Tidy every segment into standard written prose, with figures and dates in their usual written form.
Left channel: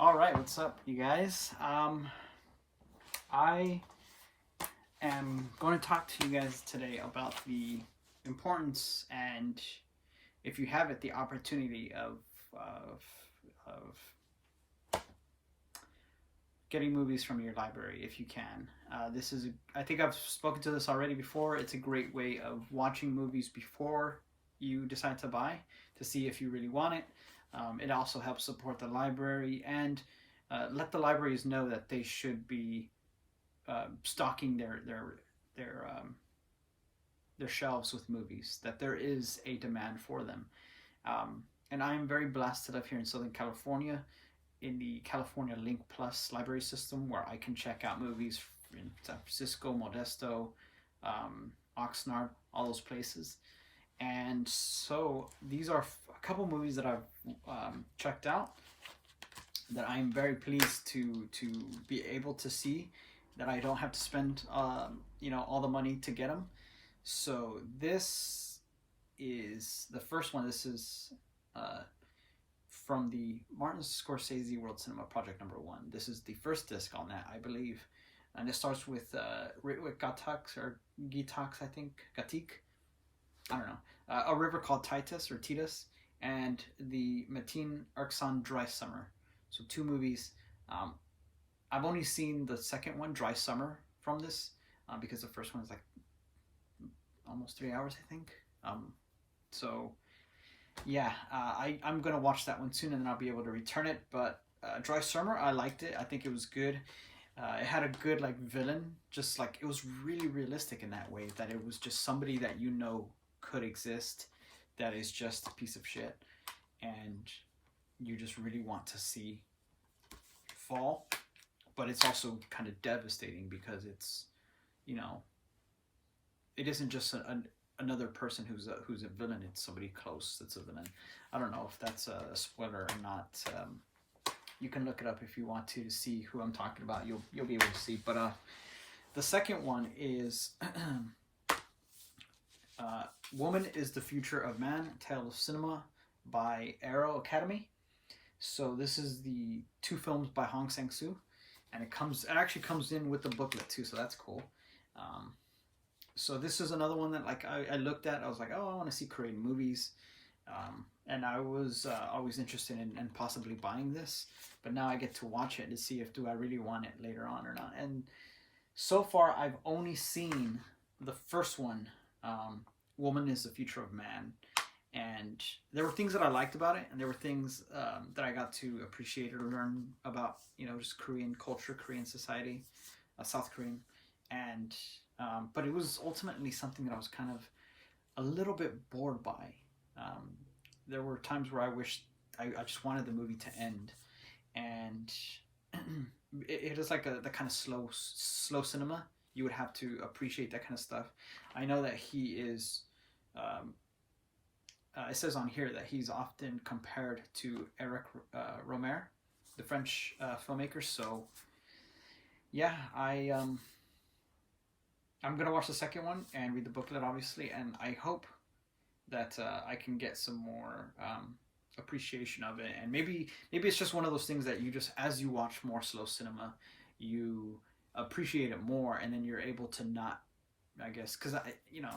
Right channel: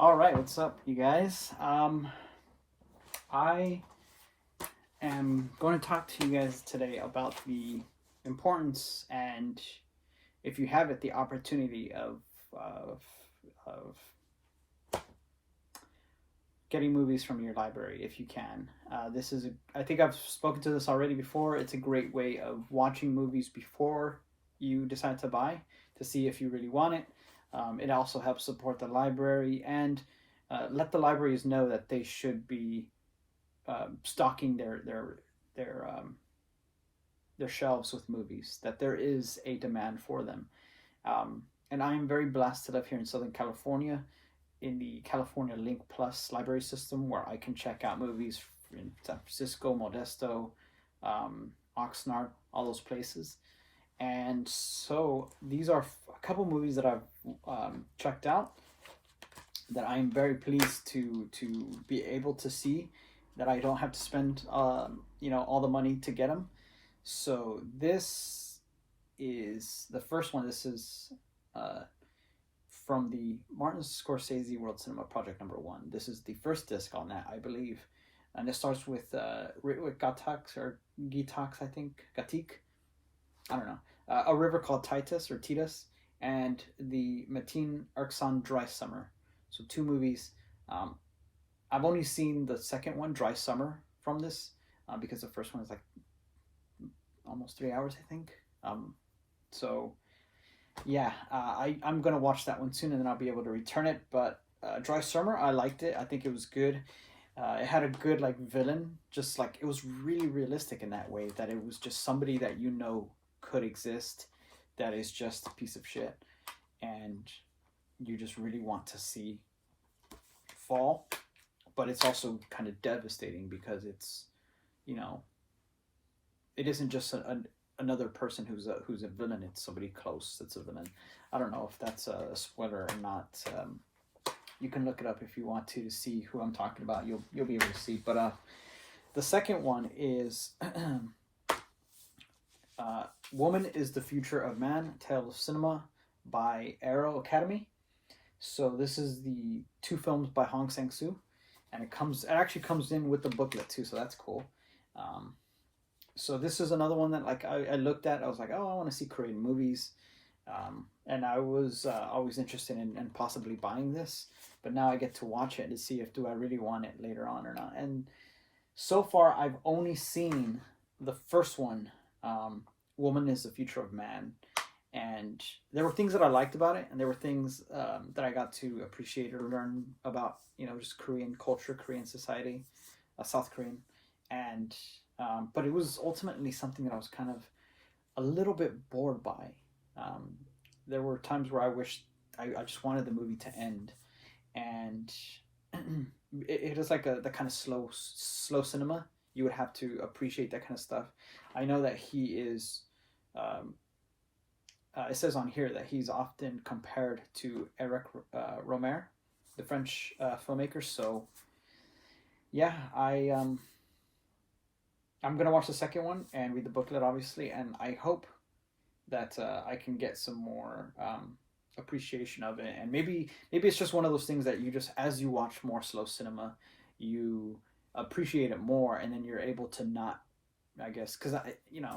All right, what's up, you guys? I am going to talk to you guys today about the importance and, if you have it, the opportunity of getting movies from your library if you can. I think I've spoken to this already before. It's a great way of watching movies before you decide to buy to see if you really want it. It also helps support the library and let the libraries know that they should be stocking their shelves with movies. That there is a demand for them, and I am very blessed to live here in Southern California, in the California Link Plus library system, where I can check out movies in San Francisco, Modesto, Oxnard, all those places. And so these are a couple movies that I've checked out that I am very pleased to be able to see, that I don't have to spend all the money to get them. So this is the first one. This is from the Martin Scorsese World Cinema Project #1. This is the first disc on that, I believe, and it starts with Gatax or Gitax, I think, Gatik. I don't know. A River Called Titus or Titus, and the Metin Erksan Dry Summer. So two movies. I've only seen the second one, Dry Summer, from this because the first one is like almost 3 hours, I think. So yeah, I'm gonna watch that one soon, and then I'll be able to return it. But Dry Summer, I liked it. I think it was good. It had a good villain, just like it was really realistic in that way, that it was just somebody that could exist, that is just a piece of shit, and you just really want to see fall. But it's also kind of devastating because it's, it isn't just another person who's a villain. It's somebody close that's a villain. I don't know if that's a spoiler or not. You can look it up if you want to see who I'm talking about. You'll be able to see. But the second one is Woman is the Future of Man, Tale of Cinema by Arrow Academy. So this is the two films by Hong Sang-soo, and it actually comes in with the booklet too, so that's cool. So this is another one that I looked at. I was like, oh, I want to see Korean movies, and I was always interested in possibly buying this, but now I get to watch it to see if do I really want it later on or not. And so far I've only seen the first one, Woman is the Future of Man, and there were things that I liked about it, and there were things that I got to appreciate or learn about, just Korean culture, Korean society, South Korean, and but it was ultimately something that I was kind of a little bit bored by. There were times where I wished I just wanted the movie to end, and it is like the kind of slow cinema. You would have to appreciate that kind of stuff. I know that he is. It says on here that he's often compared to Eric Romer, the French filmmaker. So yeah, I'm gonna watch the second one and read the booklet, obviously, and I hope that I can get some more appreciation of it. And maybe it's just one of those things that you just, as you watch more slow cinema, you appreciate it more, and then you're able to not, I guess, because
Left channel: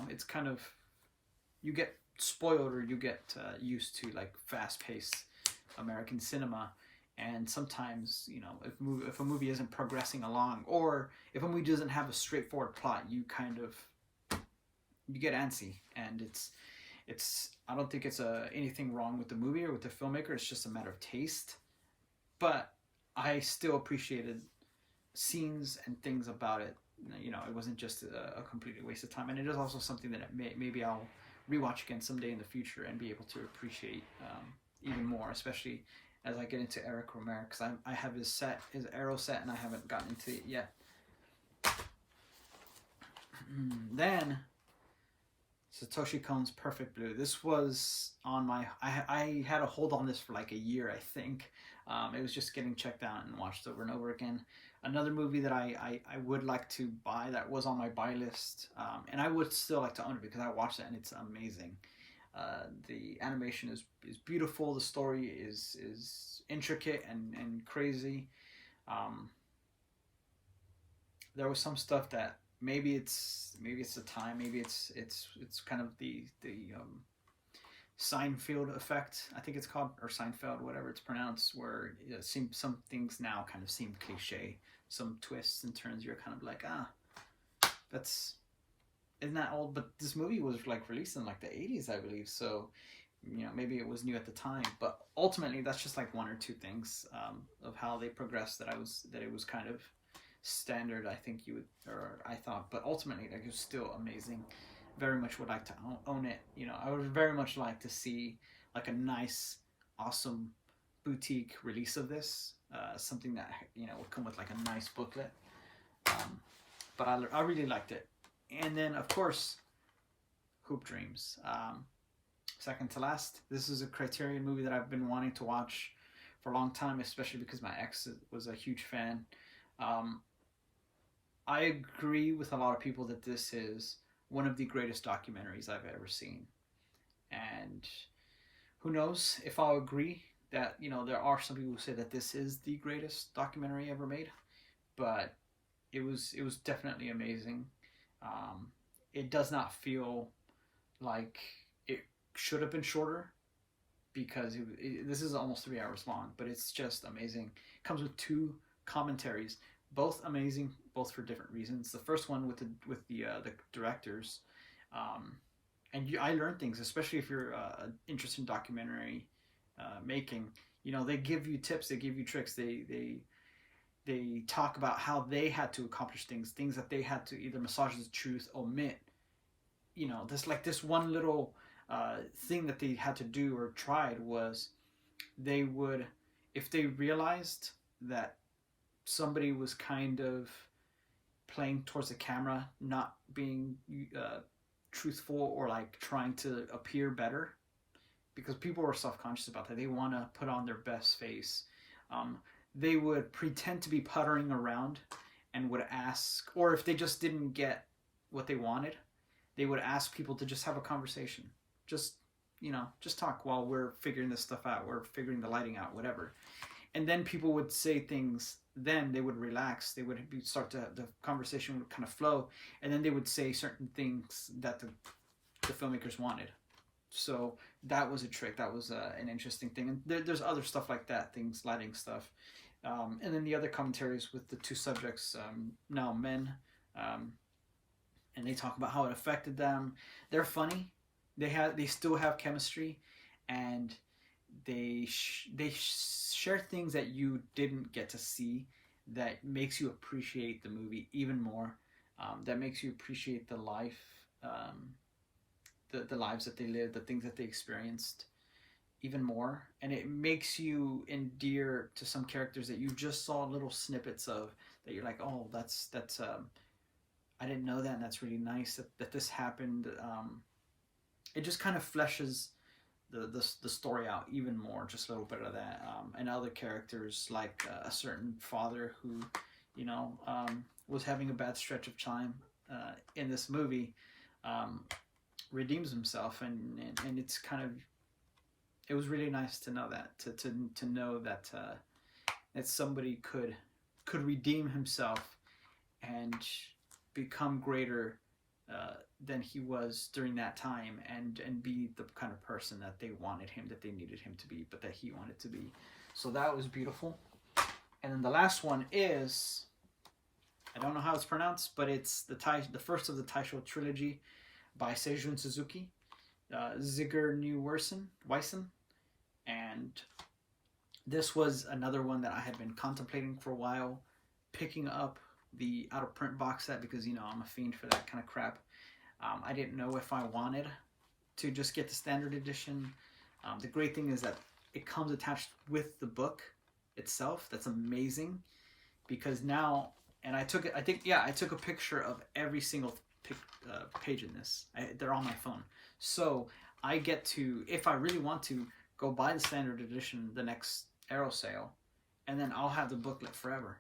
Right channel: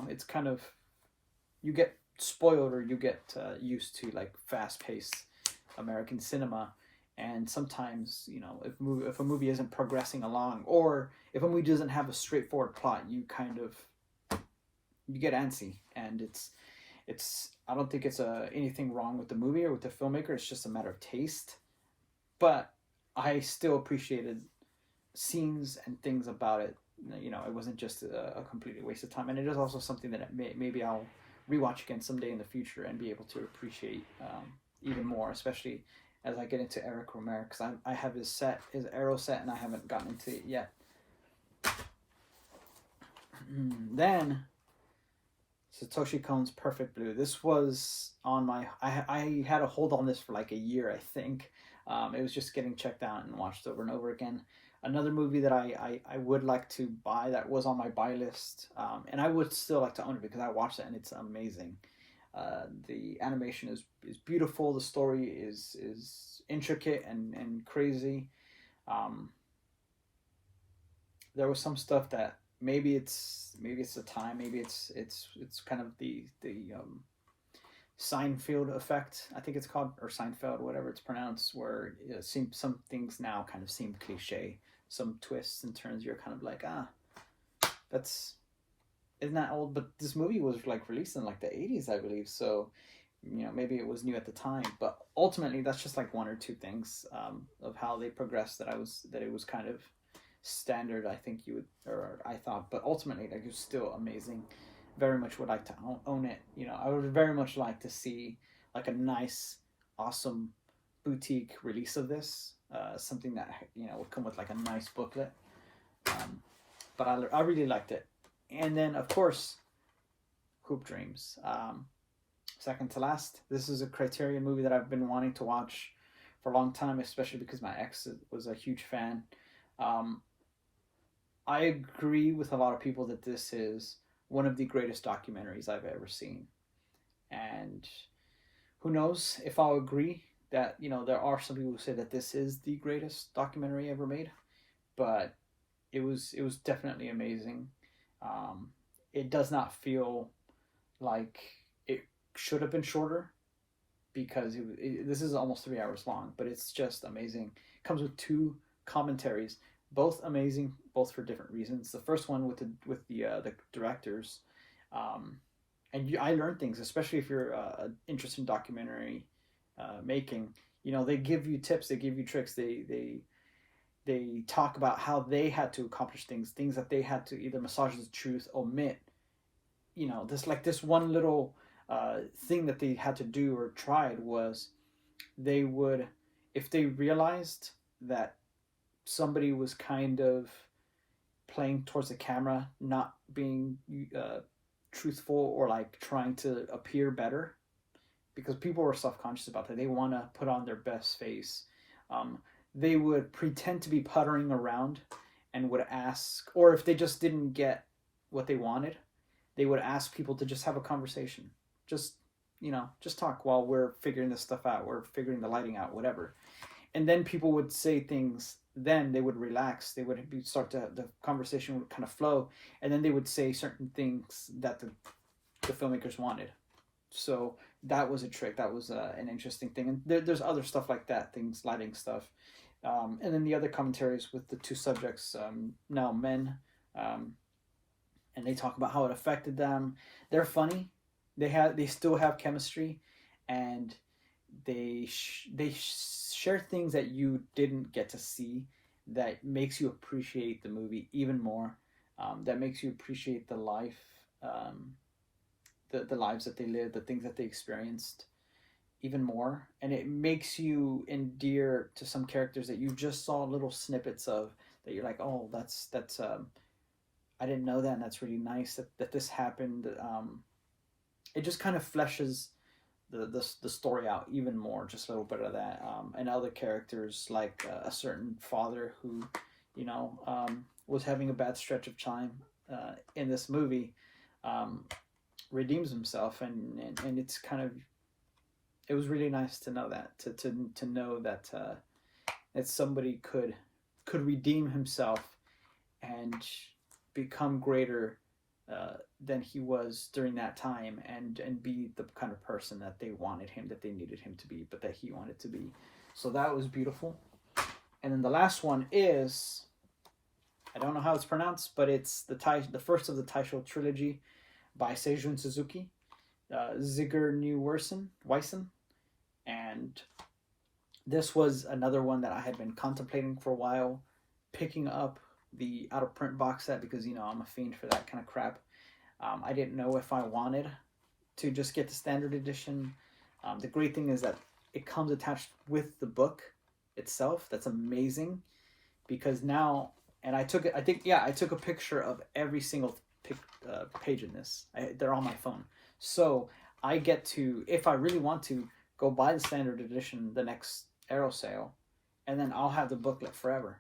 it's kind of, you get spoiled, or you get used to fast-paced American cinema, and sometimes if a movie isn't progressing along, or if a movie doesn't have a straightforward plot, you get antsy. And it's I don't think it's anything wrong with the movie or with the filmmaker. It's just a matter of taste. But I still appreciated scenes and things about it. It wasn't just a completely waste of time, and it is also something that maybe I'll rewatch again someday in the future and be able to appreciate even more, especially as I get into Eric Romer, because I have his Arrow set, and I haven't gotten into it yet. Then Satoshi Kon's Perfect Blue. This was on my, I had a hold on this for a year, I think. It was just getting checked out and watched over and over again. Another movie that I would like to buy, that was on my buy list, and I would still like to own it because I watched it and it's amazing. The animation is beautiful. The story is intricate and crazy. Um, there was some stuff that maybe it's the time, maybe it's kind of the Seinfeld effect, I think it's called, or Seinfeld, whatever it's pronounced, where it seems some things now kind of seem cliche, some twists and turns. You're kind of like, that's isn't that old? But this movie was like released in like the 80s, I believe. So maybe it was new at the time, but ultimately that's just like one or two things of how they progressed that it was kind of standard. I think you would, or I thought, but ultimately like it was still amazing. Very much would like to own it. I would very much like to see like a nice, awesome boutique release of this. Something that would come with like a nice booklet. But I really liked it. And then of course, Hoop Dreams. Second to last. This is a Criterion movie that I've been wanting to watch for a long time, especially because my ex was a huge fan. I agree with a lot of people that this is one of the greatest documentaries I've ever seen. And who knows if I'll agree that, there are some people who say that this is the greatest documentary ever made, but it was definitely amazing. It does not feel like it should have been shorter because this is almost 3 hours long, but it's just amazing. It comes with two commentaries, both amazing, both for different reasons. The first one with the directors, and I learned things, especially if you're interested in documentary making. They give you tips, they give you tricks, they talk about how they had to accomplish things that they had to either massage the truth, omit. This one little thing that they had to do or tried was they would, if they realized that somebody was kind of playing towards the camera, not being truthful or like trying to appear better, because people were self-conscious about that. They want to put on their best face. They would pretend to be puttering around and would ask, or if they just didn't get what they wanted, they would ask people to just have a conversation. Just talk while we're figuring this stuff out. We're figuring the lighting out, whatever. And then people would say things. Then they would relax. They would the conversation would kind of flow, and then they would say certain things that the filmmakers wanted. So that was a trick. That was an interesting thing. And there's other stuff like that, things, lighting stuff. And then the other commentaries with the two subjects, now men, and they talk about how it affected them. They're funny. They still have chemistry, and they share things that you didn't get to see that makes you appreciate the movie even more. That makes you appreciate the life, the lives that they lived, the things that they experienced even more. And it makes you endear to some characters that you just saw little snippets of, that you're like, oh, that's I didn't know that, and that's really nice that this happened. It just kind of fleshes the story out even more, just a little bit of that. And other characters, like a certain father who, was having a bad stretch of time in this movie, redeems himself, and it's kind of, it was really nice to know that, to know that that somebody could redeem himself and become greater than he was during that time, and be the kind of person that they wanted him, that they needed him to be, but that he wanted to be. So that was beautiful. And then the last one is, I don't know how it's pronounced, but it's the first of the Taisho trilogy by Seijun Suzuki, Zigger Weissen, and this was another one that I had been contemplating for a while, picking up the out of print box set, because I'm a fiend for that kind of crap. I didn't know if I wanted to just get the standard edition. The great thing is that it comes attached with the book itself. That's amazing, because now, and I took a picture of every single page in this. They're on my phone, so I get to, if I really want to, go buy the standard edition the next Arrow sale, and then I'll have the booklet forever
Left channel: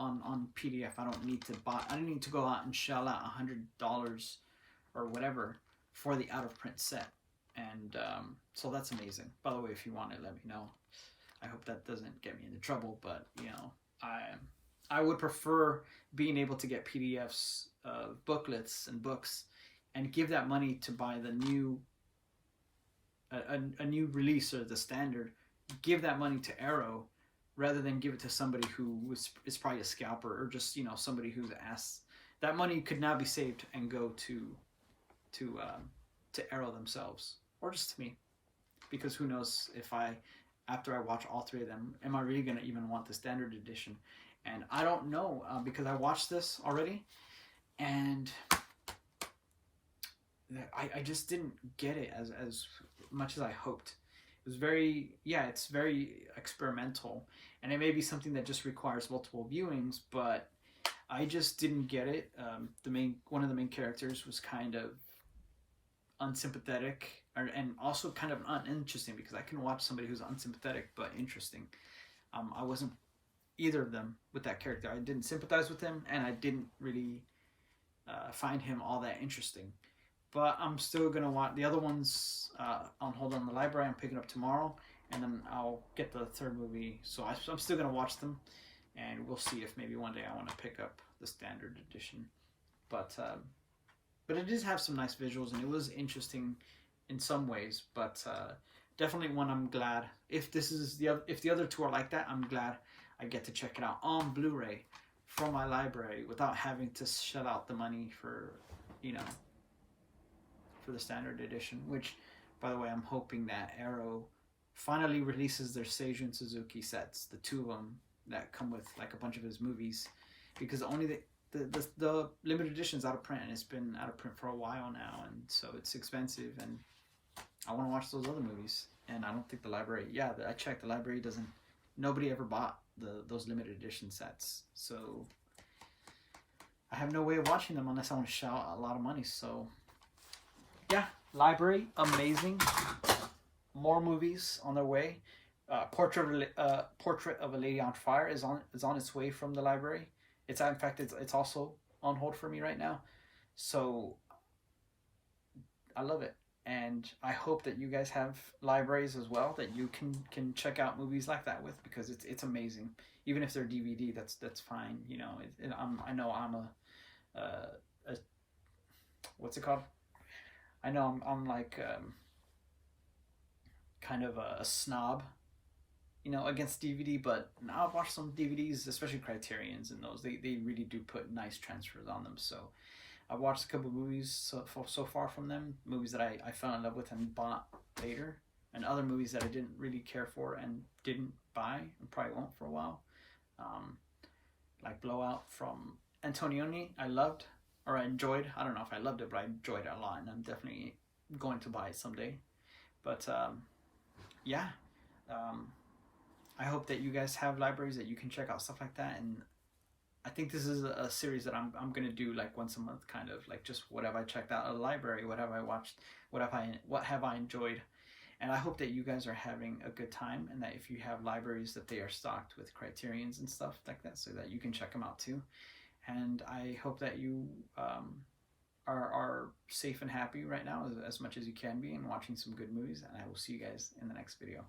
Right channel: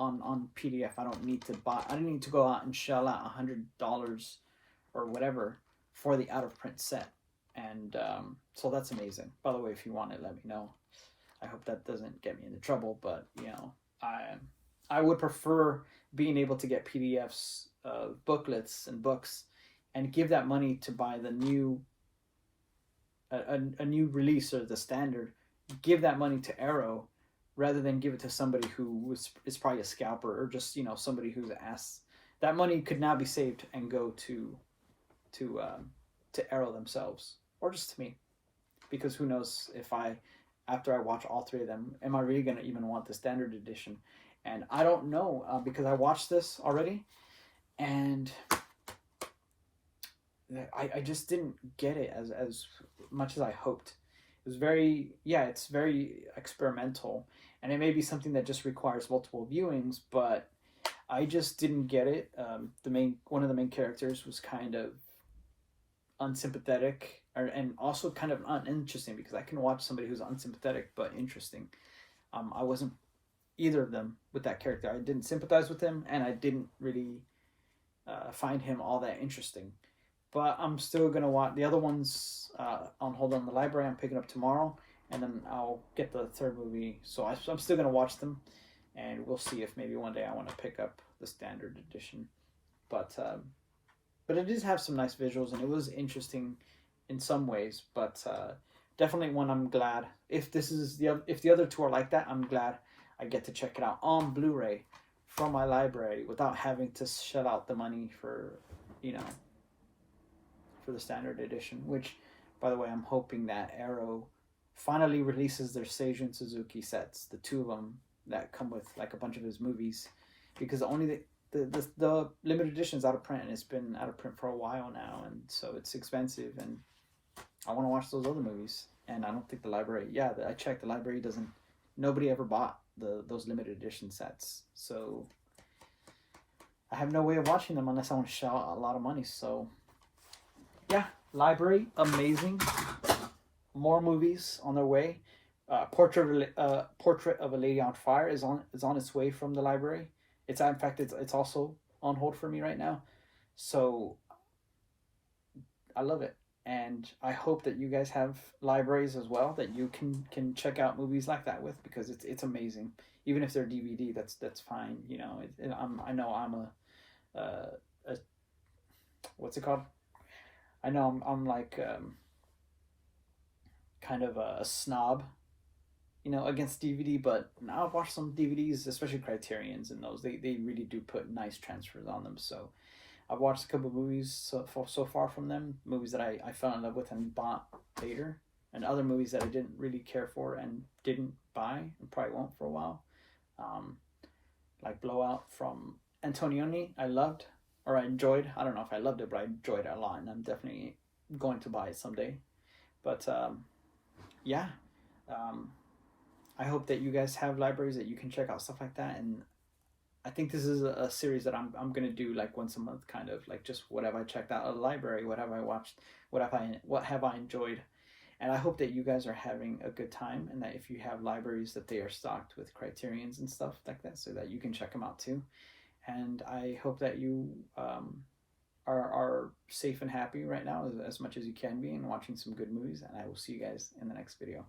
on PDF. I don't need to go out and shell out $100 or whatever for the out of print set. And so that's amazing. By the way, if you want it, let me know. I hope that doesn't get me into trouble, but I would prefer being able to get PDFs of booklets and books, and give that money to buy the new a new release or the standard. Give that money to Arrow rather than give it to somebody who is probably a scalper, or just somebody who's asked. That money could now be saved and go to Arrow themselves, or just to me, because who knows if after I watch all three of them, am I really gonna even want the standard edition? And I don't know, because I watched this already, and I just didn't get it as much as I hoped. It was it's very experimental, and it may be something that just requires multiple viewings, but I just didn't get it. One of the main characters was kind of unsympathetic, and also kind of uninteresting, because I can watch somebody who's unsympathetic but interesting. I wasn't either of them with that character. I didn't sympathize with him, and I didn't really find him all that interesting. But I'm still gonna watch the other ones on hold on the library. I'm picking up tomorrow, and then I'll get the third movie. So I'm still gonna watch them, and we'll see if maybe one day I want to pick up the standard edition. But it did have some nice visuals, and it was interesting in some ways. But definitely one I'm glad, if the other two are like that, I'm glad I get to check it out on Blu-ray from my library without having to shell out the money for the standard edition. Which, by the way, I'm hoping that Arrow finally releases their Seijun Suzuki sets, the two of them that come with like a bunch of his movies, because only the limited edition's out of print, and it's been out of print for a while now, and so it's expensive, and I want to watch those other movies. And I don't think the library, I checked, the library doesn't, nobody ever bought those limited edition sets, so I have no way of watching them unless I want to shell out a lot of money. So yeah, library, amazing. More movies on their way. Portrait of a Lady on Fire is on its way from the library. It's also on hold for me right now. So I love it, and I hope that you guys have libraries as well that you can check out movies like that with, because it's amazing. Even if they're DVD, that's fine. I know I'm a what's it called? I know I'm like kind of a snob, against DVD, but now I've watched some DVDs, especially Criterions, and those they really do put nice transfers on them. So I've watched a couple of movies so far from them, movies that I fell in love with and bought later, and other movies that I didn't really care for and didn't buy and probably won't for a while. Like Blowout from Antonioni, I loved, or I enjoyed. I don't know if I loved it, but I enjoyed it a lot, and I'm definitely going to buy it someday. But yeah, I hope that you guys have libraries that you can check out stuff like that. And I think this is a series that I'm gonna do like once a month, kind of like just what have I checked out at the library, what have I watched, what have I enjoyed. And I hope that you guys are having a good time, and that if you have libraries, that they are stocked with Criterions and stuff like that, so that you can check them out too. And I hope that you are safe and happy right now, as much as you can be, and watching some good movies. And I will see you guys in the next video.